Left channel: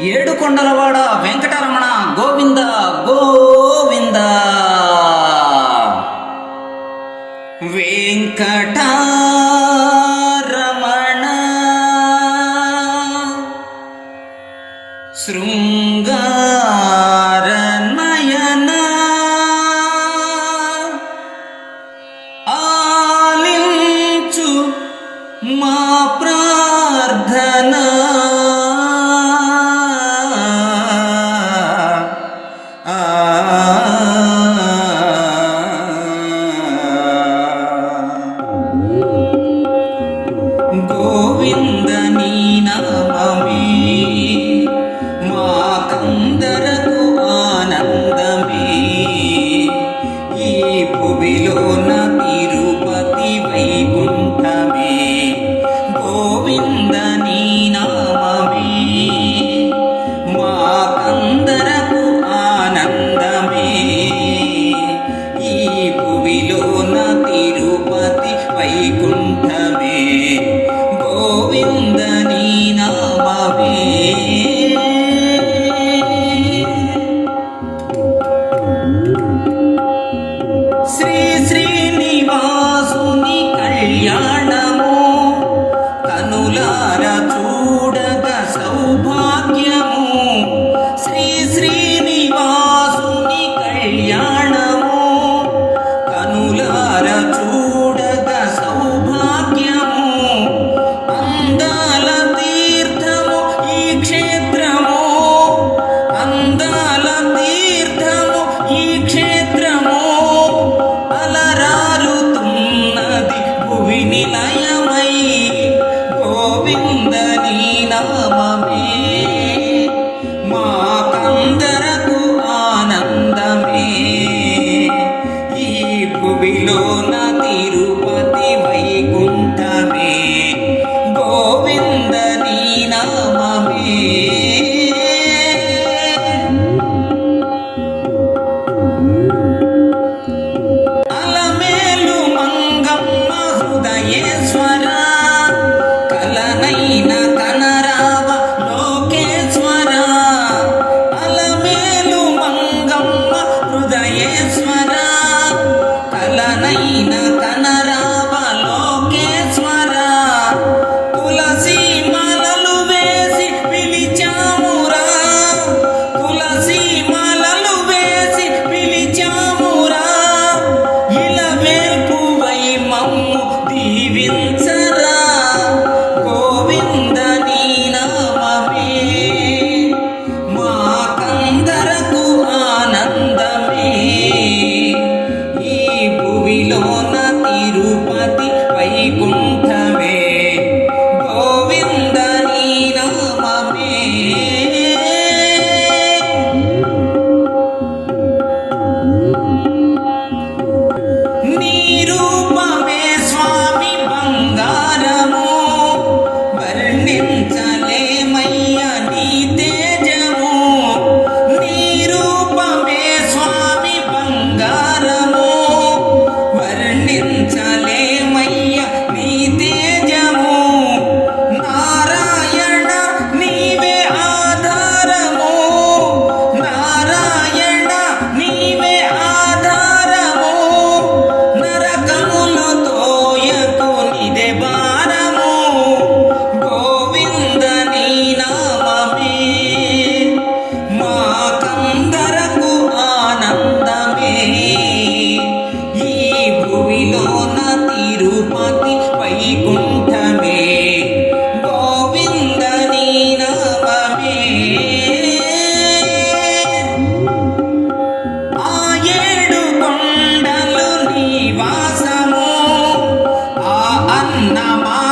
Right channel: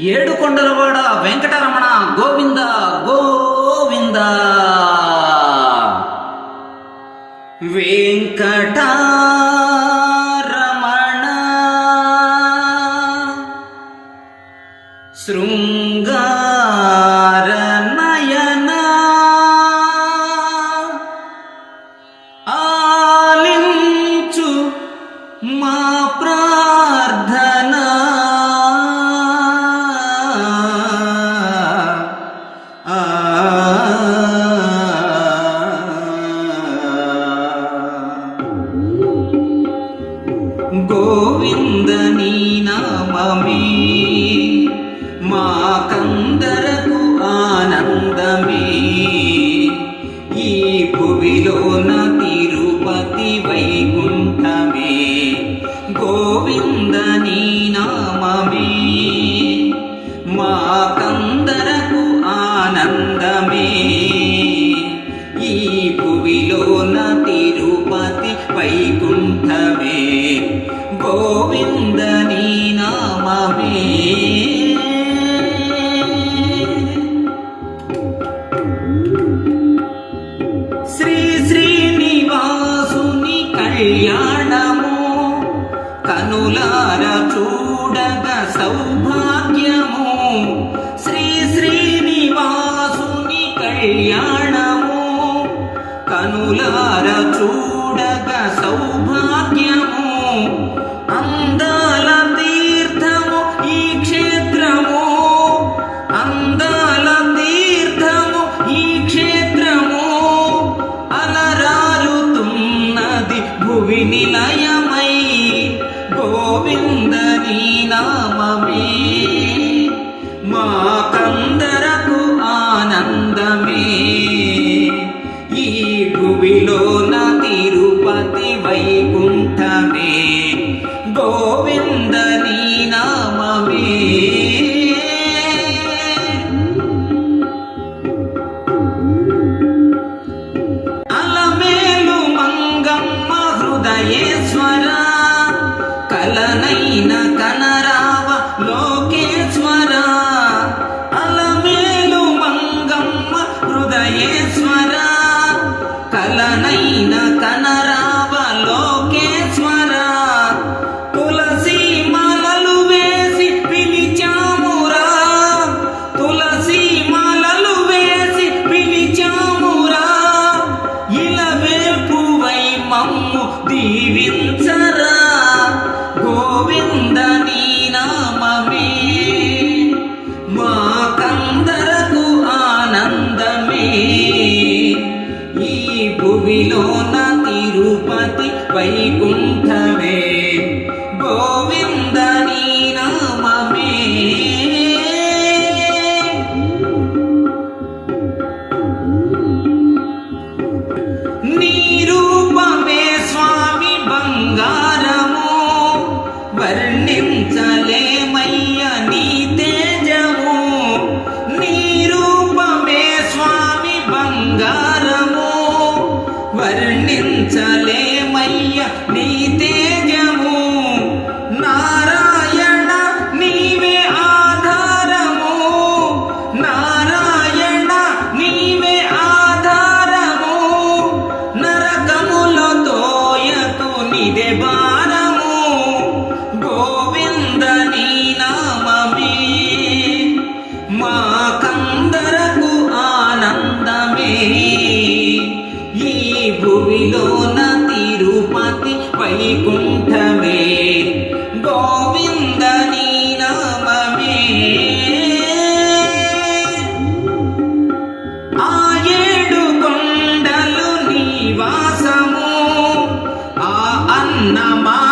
ఏడు కొండలవాడ వెంకటరమణ గోవింద గోవింద. వెంకట రమణ శృంగ my